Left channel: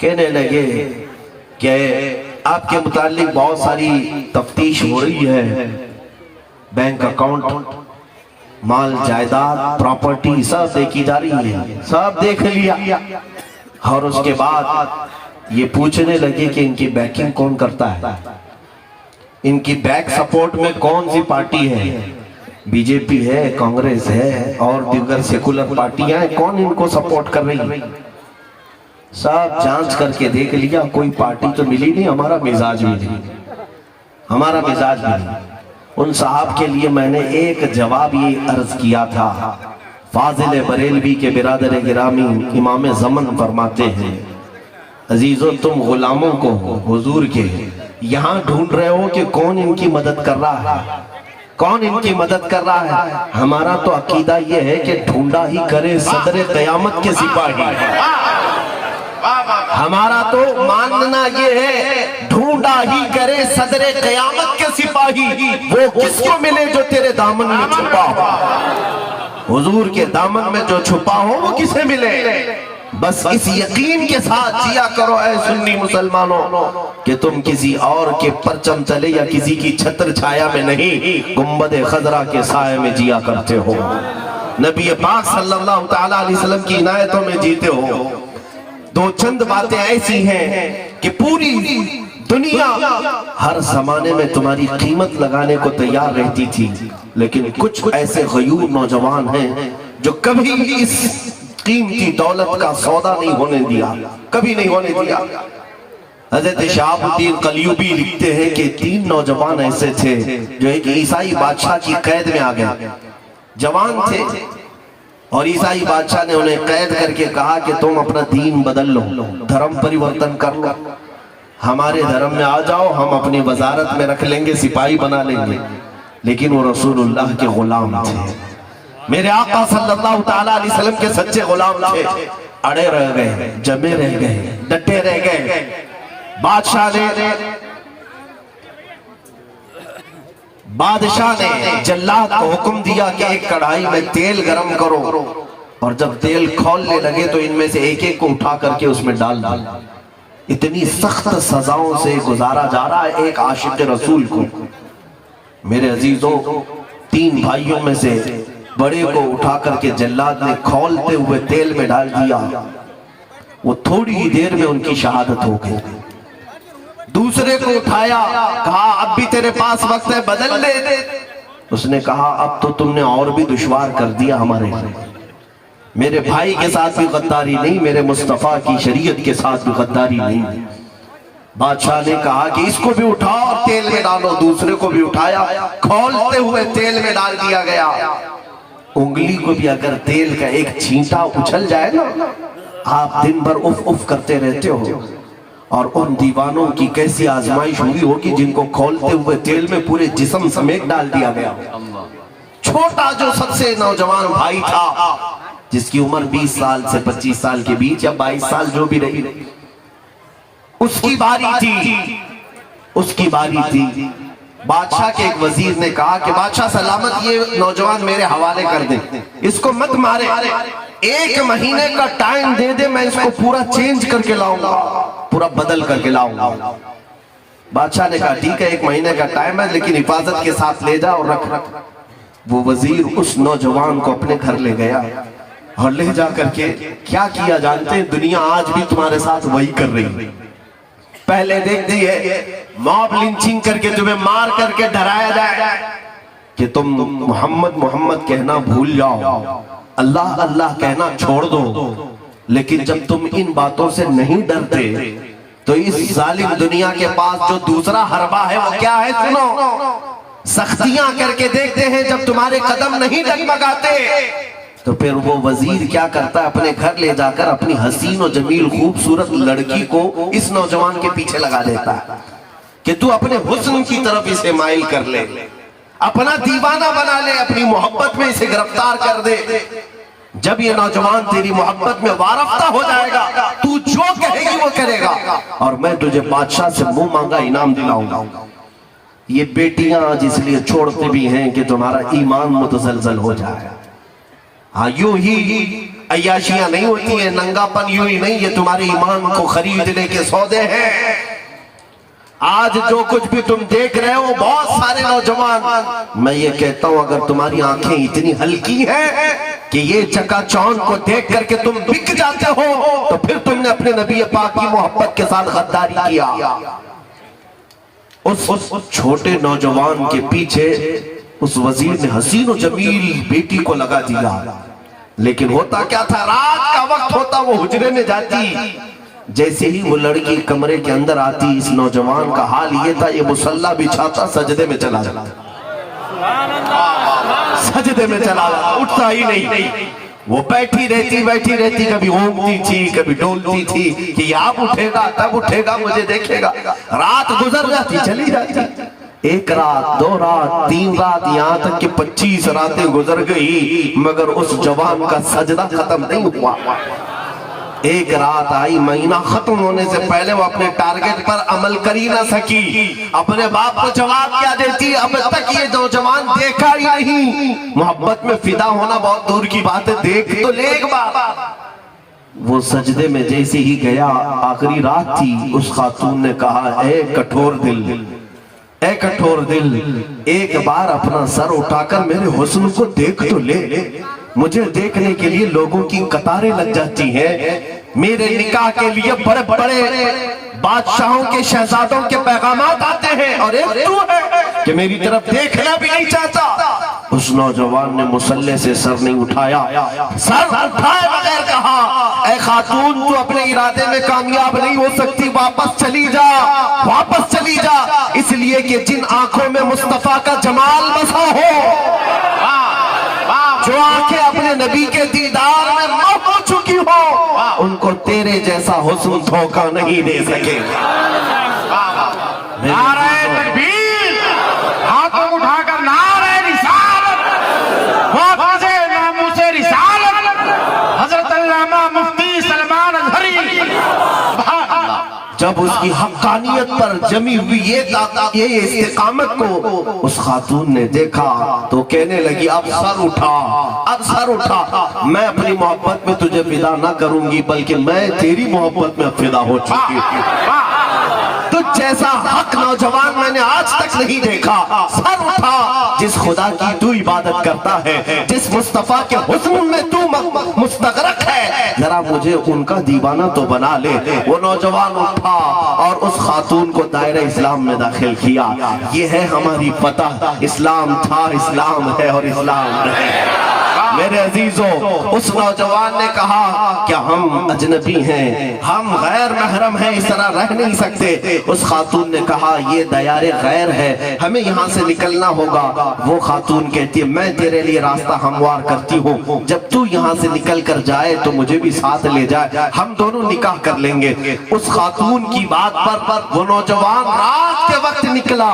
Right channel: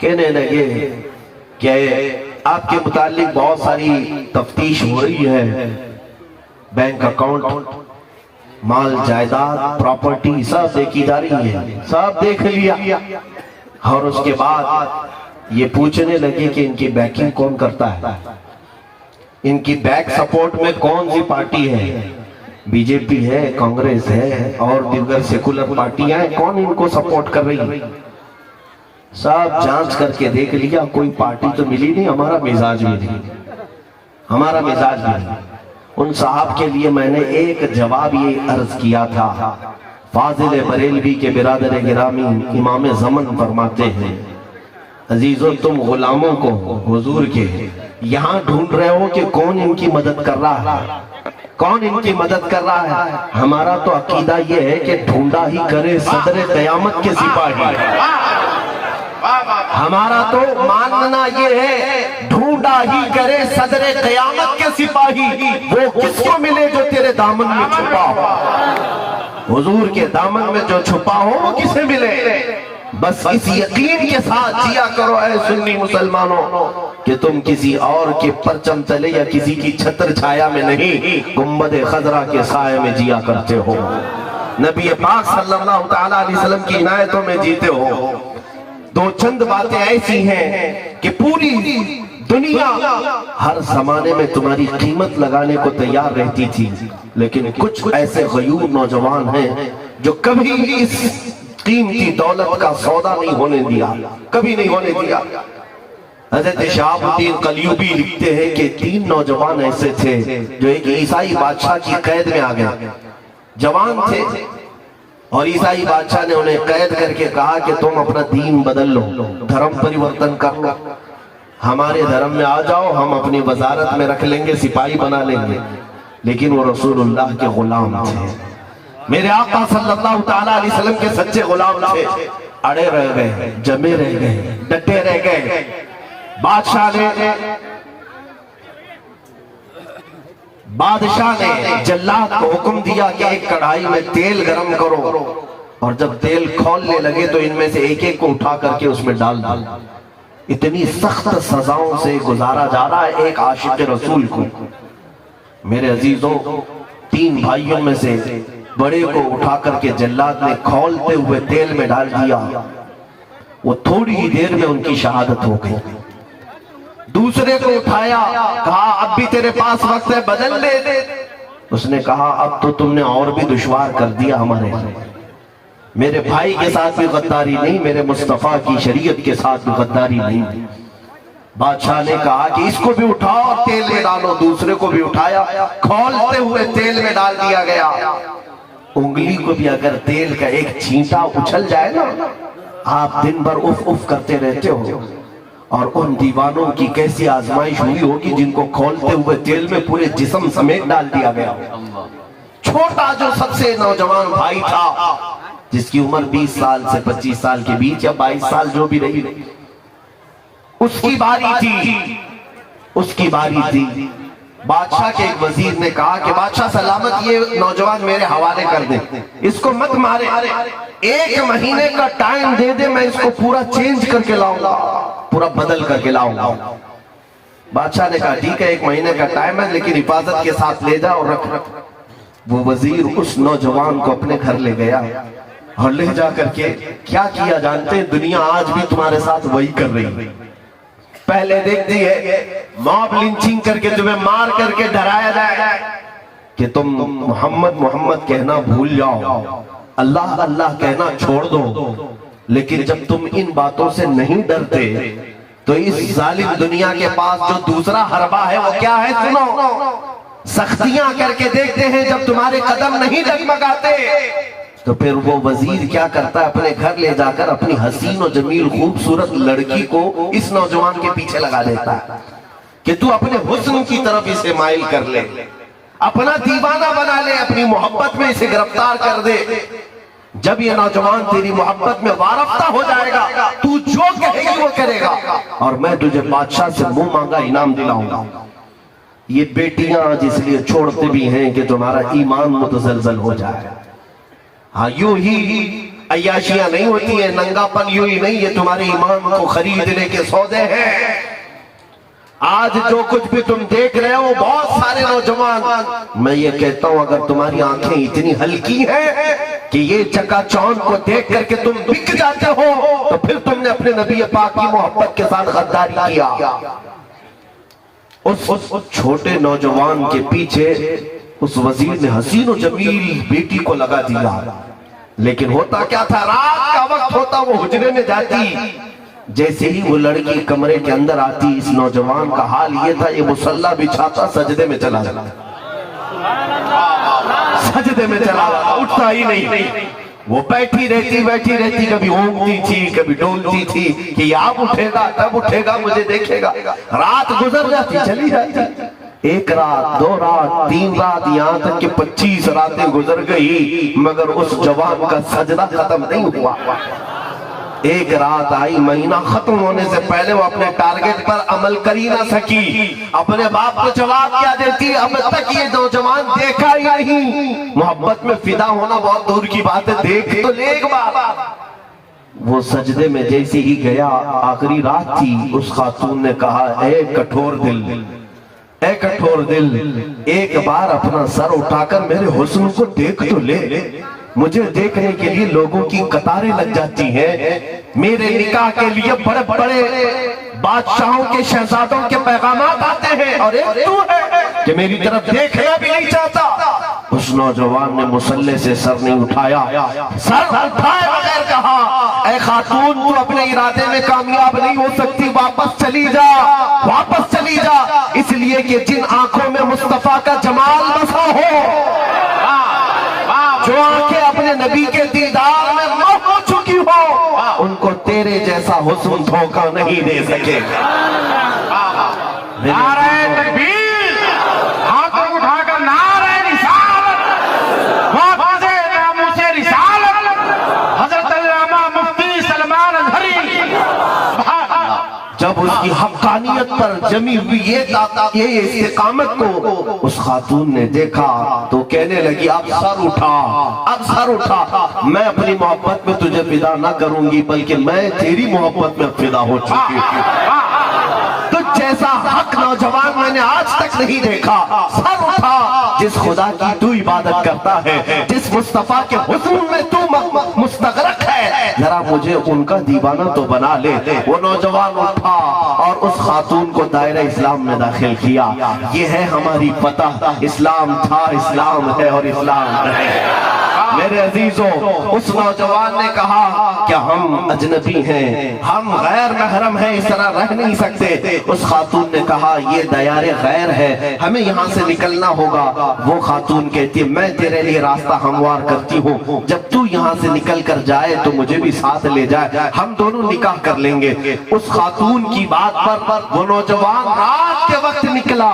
کہنے لگے کہ آپ کے متعلق بہت ساری تفتیش ہو رہی ہے، بینک اکاؤنٹ، مال جائیداد، پراپرٹی سب دیکھی جا رہی ہے، سب دیکھ لیا۔ اور اس کے بعد یہ پوچھنے لگے کہ ان کی بیکنگ کون کرتا ہے، ان کی بیک سپورٹ میں کون سی پارٹی ہے، بی جے پی ہے، کانگریس ہے اور دیگر سیکولر پارٹیاں ہیں، کون ان کو سپورٹ کر رہی ہے؟ سب جانچ کر کے دیکھ لیا، کوئی پارٹی تو ملی نہیں، ہمارا مزاج بھی نہیں، ہمارا مزاج بھی نہیں۔ ان صاحب کے لیے میں نے ایک جواب یہ عرض کیا تھا، فاضل بریلوی کے برادر گرامی امام زمن فرماتے ہیں، عزیزو تم غلاموں کو حضور کے یہاں ڈھونڈ رہے ہو کہ کون ان کی مدد کر رہا ہے، کون ان کی مدد کر رہا ہے؟ ہمارا تو عقیدہ یہ ہے کہ ڈھونڈا ہی کرے صدر قیامت کے سپاہی، ہمارا تو ماننا یہ ہے ڈھونڈا ہی کرے صدر قیامت کے سپاہی، وہ کس کو ملے جو تیرے دامن میں چھپا ہو، حضور کے دامن میں جو چھپا ہو وہ کسے ملے؟ بس اس یقین کے ساتھ جیا کرو اے سنی مسلمانوں کہ تم کسی اور کے پرچم تلے یا کسی کی چھتر چھایا میں نہیں، گنبد خضرا کے سائے میں جیا کرتے ہو، نبی پاک صلی اللہ تعالیٰ علیہ وسلم کی عنایتوں میں جیتے ہو۔ دو چند باتیں ایسی ہیں کہ پوری دنیا ہر زمانے میں تمہاری قیمت لگانے کو تیار رہتی تھی، لیکن کچھ ایسے غیور نوجوان ہیں جو کبھی اس قیمتی دولت کا سودا نہیں ہونے دیا، کبھی نہیں ہونے دیا۔ حضرت شہاب الدین قلیوبی لکھتے ہیں کہ 3 نوجوان ایسے تھے جو ایک عیسائی بادشاہ کی قید میں آ گئے، جوان تھے، اور عیسائی بادشاہ نے انہیں قید کر کے کہا کہ تم اپنا دین بدل لو، دھرم پریورتن کر لو، ہمارے دھرم میں آ جاؤ، ہم اپنی وزارت میں رکھ لیں گے، سپاہی بنا لیں گے۔ لیکن وہ رسول اللہ کے غلام تھے، میرے آقا صلی اللہ تعالیٰ علیہ وسلم کے سچے غلام تھے، اڑے رہ گئے، جمے رہ گئے، ڈٹے رہ گئے۔ بادشاہ نے جلاد کو حکم دیا کہ ایک کڑھائی میں تیل گرم کرو، اور جب تیل کھولنے لگے تو ان میں سے ایک ایک کو اٹھا کر کے اس میں ڈال دو۔ اتنی سخت سزاؤں سے گزارا جا رہا ہے ایک عاشق رسول کو۔ میرے عزیزوں، 3 بھائیوں میں سے بڑے کو اٹھا کر کے جلاد نے کھولتے ہوئے تیل میں ڈال دیا، وہ تھوڑی ہی دیر میں ان کی شہادت ہو گئی۔ دوسرے کو اٹھایا، کہا اب بھی تیرے پاس وقت ہے، بدل لے۔ اس نے کہا اب تو تم نے اور بھی دشوار کر دیا ہمارے لیے، میرے بھائی کے ساتھ بھی غداری نہیں، میرے مصطفیٰ کی شریعت کے ساتھ بھی غداری نہیں۔ بادشاہ نے کہا کہ اس کو بھی اٹھاؤ اور تیل میں ڈالو، دوسرے کو بھی اٹھایا، کھولتے ہوئے تیل میں ڈال دیا گیا۔ انگلی کو بھی اگر تیل کا ایک چھینٹا اچھل جائے نا، آپ دن بھر اف اف کرتے رہتے ہو۔ اور ان دیوانوں کی کیسی آزمائش ہوئی ہوگی جن کو کھولتے ہوئے تیل میں پورے جسم سمیت ڈال دیا گیا۔ چھوٹا جو سب سے نوجوان بھائی تھا، جس کی عمر 20 سال سے 25 سال کے بیچ یا 22 سال جو بھی رہی، اس کی باری تھی، اس کی باری تھی۔ بادشاہ کے ایک وزیر نے کہا کہ بادشاہ سلامت، یہ نوجوان میرے حوالے کر دیں، اس کو مت مارے، 1 مہینے کا ٹائم دے دے، میں اس کو پورا چینج کر کے لاؤں گا، پورا بدل کر کے لاؤں گا۔ بادشاہ نے کہا ٹھیک ہے، 1 مہینے کا ٹائم ہے، لیکن حفاظت کے ساتھ لے جا اور رکھ۔ وہ وزیر اس نوجوان کو اپنے گھر لے گیا اور لے جا کر کے کیا کیا جانتے ہیں؟ دنیا آج بھی تمہارے ساتھ وہی کر رہی ہے۔ پہلے دیکھتی ہے موب لنچنگ کر کے تمہیں مار کر کے ڈرایا جائے کہ تم محمد محمد کہنا بھول جاؤ، اللہ اللہ کہنا چھوڑ دو۔ لیکن جب تم ان باتوں سے نہیں ڈرتے تو اس ظالم دنیا کے پاس جو دوسرا حربہ ہے وہ کیا ہے؟ سنو، سختیاں کر کے دیکھتے ہیں، جب تمہارے قدم نہیں ڈگمگاتے تو پھر وہ وزیر کیا کرتا ہے؟ اپنے گھر لے جا کر اپنی حسین و جمیل خوبصورت لڑکی کو اس نوجوان کے پیچھے لگا دیتا ہے کہ تو اپنے حسن کی طرف اسے مائل کر لے، اپنا دیوانہ بنا لے، اپنی محبت میں اسے گرفتار کر دے۔ جب یہ نوجوان تیری محبت میں وارفتہ ہو جائے گا، تو جو کہے گی وہ کرے گا، اور میں تجھے بادشاہ سے منہ مانگا انعام دلاؤں گا۔ یہ بیٹیاں جس لیے چھوڑتے بھی ہیں کہ تمہارا ایمان متزلزل ہو جائے۔ ہاں یوں ہی عیاشیاں نہیں ہوتی ہیں، ننگاپن یوں ہی نہیں، یہ تمہارے ایمان کو خریدنے کے سودے ہیں۔ آج جو کچھ بھی تم دیکھ رہے ہو بہت سارے نوجوان، میں یہ کہتا ہوں اگر تمہاری آنکھیں اتنی ہلکی ہیں کہ یہ چکا چوند کو دیکھ کر کے تم بک جاتے ہو تو پھر تم نے اپنے نبی پاک کی محبت کے ساتھ غداری کیا۔ اس چھوٹے نوجوان کے پیچھے اس وزیر نے حسین و جمیل بیٹی کو لگا دیا، لیکن ہوتا کیا تھا، رات کا وقت ہوتا وہ حجرے میں جاتی، جیسے ہی وہ لڑکی کمرے کے اندر آتی اس نوجوان کا حال یہ تھا، یہ مصلی بچھاتا سجدے میں چلا جاتا، سجدے میں چلا جاتا، اٹھتا ہی نہیں، وہ بیٹھی رہتی کبھی اونگتی تھی کبھی ڈولتی تھی کہ یہ اب اٹھے گا تب اٹھے گا مجھے دیکھے گا، رات گزر جاتی چلی جاتی، ایک رات، دو رات، تین رات، یہاں تک کہ 25 راتیں گزر گئی مگر اس جوان کا سجدہ ختم نہیں ہوا۔ ایک رات آئی، مہینہ ختم ہونے سے پہلے وہ اپنے ٹارگٹ پر عمل کر ہی نہ سکی، اپنے باپ کو جواب کیا دیتی، اب تک یہ نوجوان دیکھا ہی نہیں، محبت میں فدا ہونا بہت دور کی بات ہے، دیکھ تو لے ایک بار۔ وہ سجدے میں جیسے ہی گیا، آخری رات تھی، اس خاتون نے کہا اے کٹھور دل، اے کٹھور دل، ایک بار اپنا سر اٹھا کر میرے حسن کو دیکھ تو لے، مجھے دیکھنے کے لیے لوگوں کی قطاریں لگ جاتی ہیں، میرے نکاح کے لیے بڑے بڑے بادشاہوں کے شہزادوں کے پیغامات آتے ہیں اور ایک تو ہے کہ میری طرف دیکھنا بھی نہیں چاہتا۔ اس نوجوان نے مصلی سے سر نہیں اٹھایا، سر اٹھائے بغیر کہا اے خاتون تو اپنے ارادے میں کامیاب نہیں ہو سکتی، واپس چلی جا، واپس چلی جا، اس لیے کہ جن آنکھوں میں مصطفیٰ کا جمال بسا ہو، جو آنکھیں اپنے نبی کے دیدار میں موت ہو چکی ہو، ان کو تیرے جیسا حسن دھوکہ نہیں دے سکے۔ نعرہ تکبیر، ہاتھوں اٹھا کر نعرہ رسالت، محفوظ ناموس رسالت، حضرت علامہ مفتی سلمان اظہری۔ جب اس کی حقانیت پر جمی ہوئی یہ استقامت کو اس خاتون نے دیکھا تو کہنے لگی اب سر اٹھا، اب سر اٹھا، میں اپنی محبت میں تجھے فدا نہ کروں گی بلکہ میں تیری محبت میں فدا ہو چکی ہوں۔ تجھ جیسا حق نوجوان میں نے آج تک نہیں دیکھا، سر اٹھا، جس خدا کی تو عبادت کرتا ہے، جس مصطفیٰ کے حسن میں تو مستغرق ہے، ذرا مجھے ان کا دیوانہ تو بنا لے۔ وہ نوجوان اٹھا اور اس خاتون کو دائرہ اسلام میں داخل کیا۔ یہ ہے ہماری فتح، اسلام تھا، اسلام ہے اور اسلام ہے۔ میرے عزیزوں، اس نوجوان نے کہا کہ ہم اجنبی ہیں، ہم غیر محرم ہیں، اس طرح رہ نہیں سکتے۔ اس خاتون نے کہا یہ دیار غیر ہے، ہمیں یہاں سے نکلنا ہوگا۔ وہ خاتون کہتی ہے میں تیرے لیے راستہ ہموار کرتی ہوں، جب تو یہاں سے نکل کر جائے تو مجھے بھی ساتھ لے جائے، ہم دونوں نکاح کر لیں گے۔ اس خاتون کی بات پر وہ نوجوان رات کے وقت نکلا۔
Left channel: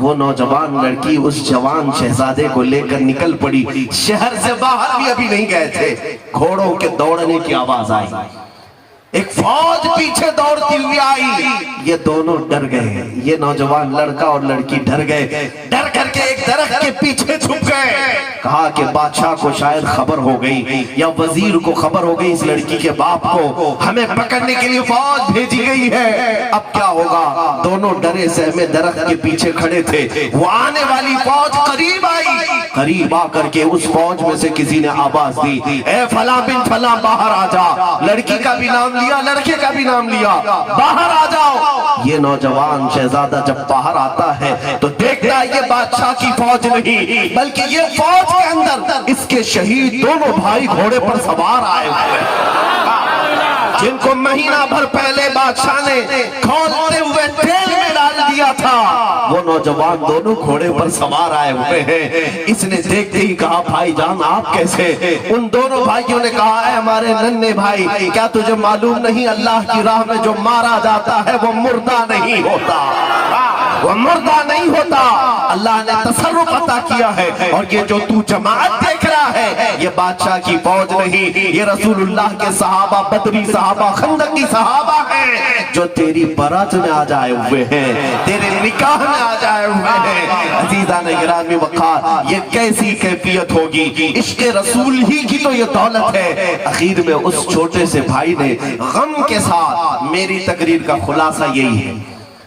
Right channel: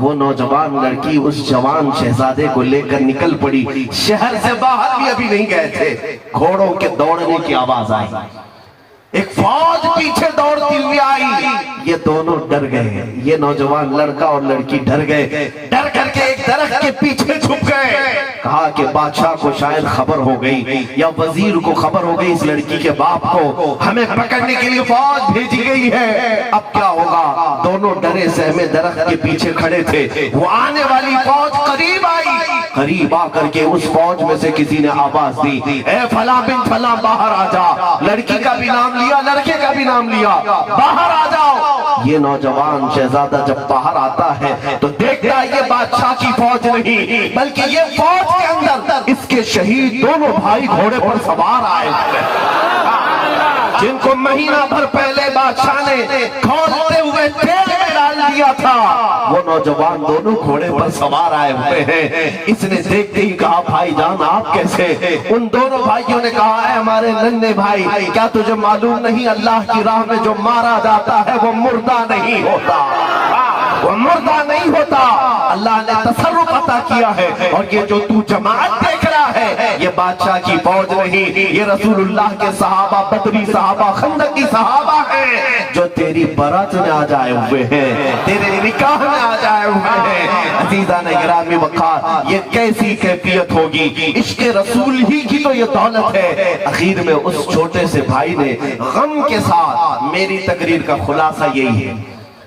وہ نوجوان لڑکی اس جوان شہزادے کو لے کر نکل پڑی، شہر سے باہر بھی ابھی نہیں گئے تھے، گھوڑوں کے دوڑنے کی آواز آئی، ایک فوج پیچھے دوڑتی ہوئی آئی، یہ دونوں ڈر گئے، یہ نوجوان لڑکا اور لڑکی ڈر گئے، ڈر کر کے ایک درخت کے پیچھے چھپ گئے۔ کہا کہ بادشاہ کو شاید خبر ہو گئی یا وزیر کو خبر ہو گئی اس لڑکی کے باپ کو، ہمیں پکڑنے کے لیے فوج بھیجی گئی ہے، اب کیا ہوگا؟ دونوں ڈرے سہمے درخت کے پیچھے کھڑے تھے۔ وہ آنے والی فوج قریب آئی، قریب آ کر کے اس فوج میں سے کسی نے آواز دی اے فلاں بن فلاں باہر آ جا، لڑکی کا بھی نام لیا، لڑکے کا بھی نام لیا، باہر آ جاؤ۔ یہ نوجوان شہزادہ جب باہر آتا ہے تو دیکھتا ہے یہ بادشاہ کی فوج نہیں بلکہ یہ فوج کے اندر اس کے شہید دونوں بھائی گھوڑے پر سوار آئے ہوئے، جن کو مہینہ بھر پہلے بادشاہ نے کھولتے ہوئے تیل میں ڈال دیا تھا۔ وہ نوجوان دونوں گھوڑے پر سوار آئے ہوئے ہیں۔ اس نے دیکھتے ہی کہا بھائی جان آپ کیسے؟ ان دونوں بھائیوں نے کہا اے ہمارے ننھے بھائی، کیا تجھے معلوم نہیں اللہ کی راہ میں جو مارا جاتا ہے وہ مردہ نہیں ہوتا، وہ مردہ نہیں ہوتا، اللہ نے تصرف عطا کیا ہے، اور یہ جو تو جماعت دیکھ رہا ہے یہ بادشاہ کی فوج نہیں، یہ رسول اللہ کے صحابہ، بدری صحابہ، خندقی صحابہ ہیں جو تیری برات میں آ جائے ہوئے ہیں، تیرے نکاح میں آ جائے ہوئے ہیں۔ عزیزان گرامی اسلامی وقار، یہ کیسی کیفیت ہوگی؟ عشق رسول ہی کی تو یہ دولت ہے۔ اخیر میں اس چھوٹے سے بھائی نے غم کے ساتھ، میری تقریر کا خلاصہ یہی ہے،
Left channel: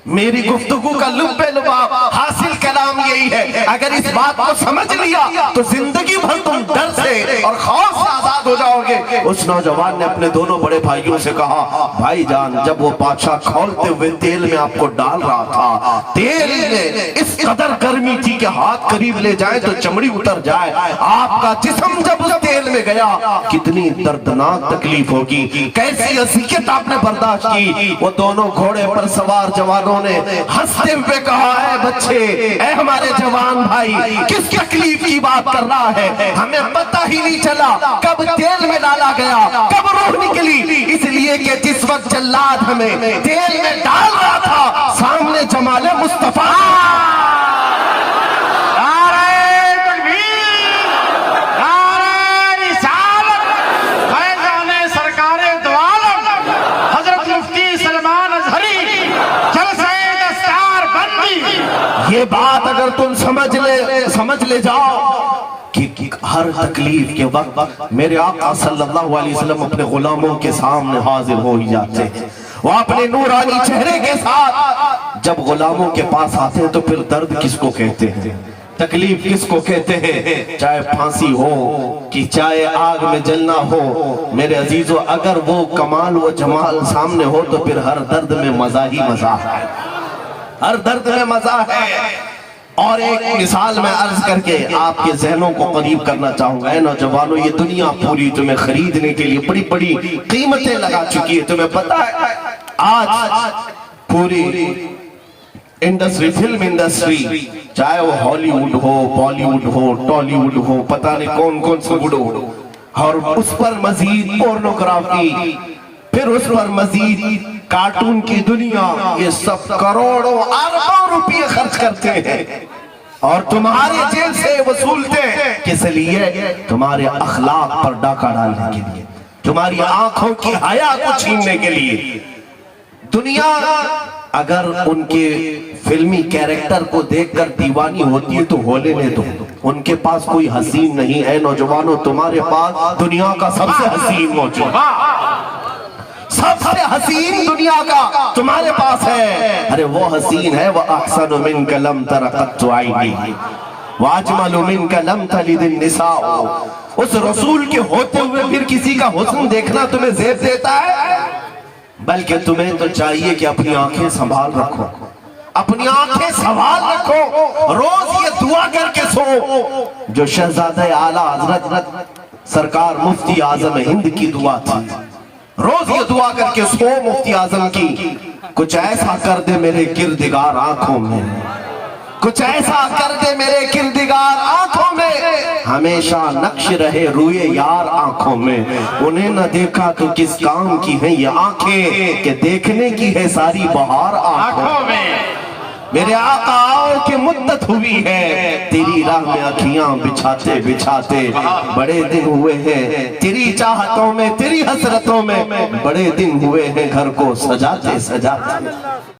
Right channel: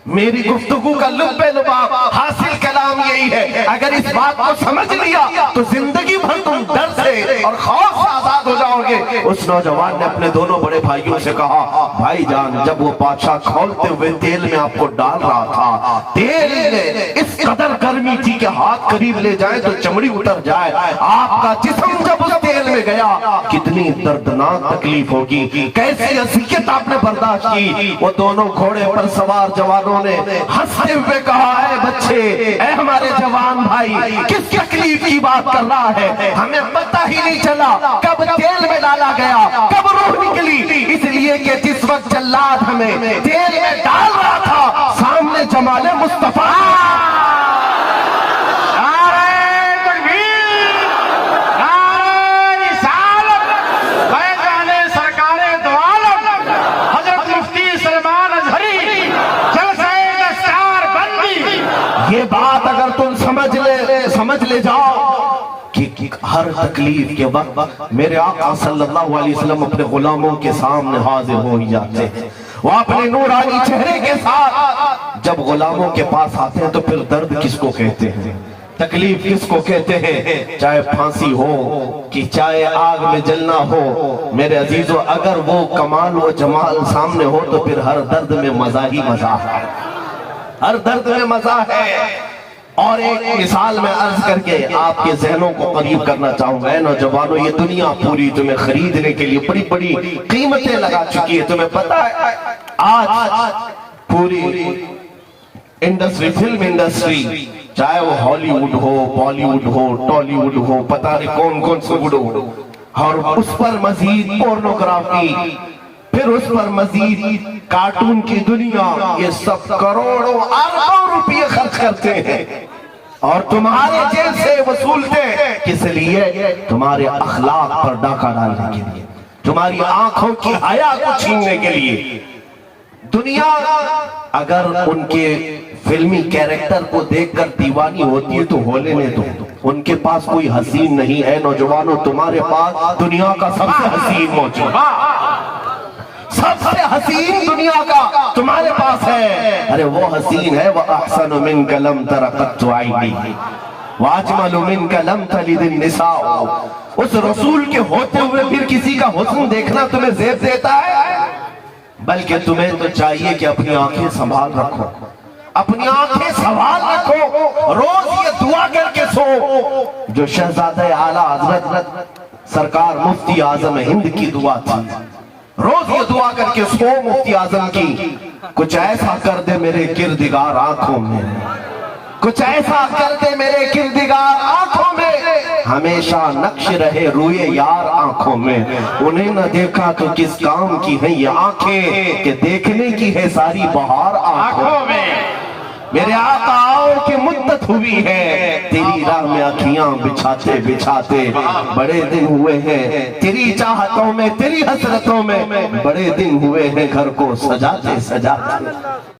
میری گفتگو کا لب لباب حاصل کلام یہی ہے، اگر اس بات کو سمجھ لیا تو زندگی بھر تم ڈر سے اور خوف سے آزاد ہو جاؤ گے۔ اس نوجوان نے اپنے دونوں بڑے بھائیوں سے کہا، بھائی جان، جب وہ بادشاہ کھولتے ہوئے تیل میں آپ کو ڈال رہا تھا، تیل میں اس قدر گرمی تھی کہ ہاتھ قریب لے جائے تو چمڑی اتر جائے، آپ کا جسم جب اس تیل میں گیا کتنی دردناک تکلیف ہوگی، کیسی اذیت آپ نے برداشت کی۔ وہ دونوں گھوڑے پر سوار جوانوں نے ہنستے ہوئے کہا، اے بچے، اے ہمارے جوان بھائی، کس تکلیف کی بات کر رہا ہے؟ ہمیں پتہ ہی نہیں چلا کب تیل میں ڈالا گیا، کب روح نکلی، اس لیے کہ جس وقت جلاد ہمیں تیل میں ڈال رہا تھا سامنے جمال مصطفیٰ یہ بات اگر تم سمجھ لے جاؤ کہ ہر تکلیف کے وقت میرے آقا صلی اللہ علیہ وسلم اپنے غلاموں کے سامنے حاضر ہو ہی جاتے ہیں، وہ اپنے نورانی چہرے کے ساتھ جب غلاموں کے پاس آتے ہیں تو پھر درد کس کو کہتے ہیں، تکلیف کس کو کہتے ہیں؟ چاہے پھانسی ہو کہ چاہے آگ میں جلنا ہو، میرے عزیزو، اگر وہ کمال و جمال سامنے ہو تو پھر ہر درد میں مزہ ہی مزہ ہے، ہر درد میں مزہ ہے۔ اور ایک مثال میں عرض کر کے آپ کے ذہنوں کو قریب کرنا چاہوں گا، اے نوجوانوں، یہ دنیا پوری تمہیں خریدنے کے لیے بڑی بڑی قیمتیں لگا چکی ہے، تمہیں پتہ ہے آج پوری انڈسٹری، فلم انڈسٹری، چاہے وہ ہالی ووڈ ہو، بالی ووڈ ہو، ٹالی ووڈ ہو، پتہ نہیں کون کون سے ووڈ ہو، اور اس پر مزید پورنوگرافی، پھر اس پر مزید کارٹون کی دنیا، یہ سب کروڑوں اربوں روپے خرچ کرتے ہیں اور تمہارے جیب سے وصولتے ہیں، کس لیے؟ تمہارے اخلاق پر ڈاکہ ڈالنے کے لیے، تمہاری آنکھوں کی حیا کو چھیننے کے لیے۔ دنیا اگر ان کے فلمی کیریکٹر کو دیکھ کر دیوانی ہوتی ہے تو ہو لینے دو، ان کے پاس کوئی حسین نہیں ہے۔ نوجوانوں، تمہارے پاس دنیا کا سب سے حسین موجود، سب سے حسین دنیا کا تمہارے پاس ہے۔ ارے وہ حسین ہے، وَأَحْسَنُ مِنْكَ لَمْ تَرَ قَطُّ عَيْنِي وَأَجْمَلُ مِنْكَ لَمْ تَلِدِ النِّسَاءُ۔ اس رسول کے ہوتے ہوئے پھر کسی کا حسن دیکھنا تمہیں زیب دیتا ہے؟ بلکہ تمہیں تو چاہیے کہ اپنی آنکھیں سنبھال رکھو، اپنی آنکھیں سنبھال رکھو، روز یہ دعا کر کے سو جو شہزادہ اعلیٰ حضرت سرکار مفتی اعظم ہند کی دعا تھی، روز یہ دعا کر کے سو مفتی اعظم کی، کچھ ایسا کر دے میرے کردگار آنکھوں میں، کچھ ایسا کر دے میرے کردگار آنکھوں میں، ہمیشہ نقش رہے روئے یار آنکھوں میں، انہیں نہ دیکھا تو کس کام کی ہیں یہ آنکھیں کہ دیکھنے کی ہے ساری بہار آنکھوں میں۔ میرے آقا آؤ کہ مدت ہوئی ہے تیری راہ میں اکھیاں بچھاتے بچھاتے، بڑے دن ہوئے ہیں تیری چاہتوں میں، تیری حسرتوں میں، بڑے دن ہوئے ہیں گھر کو سجاتے سجاتے۔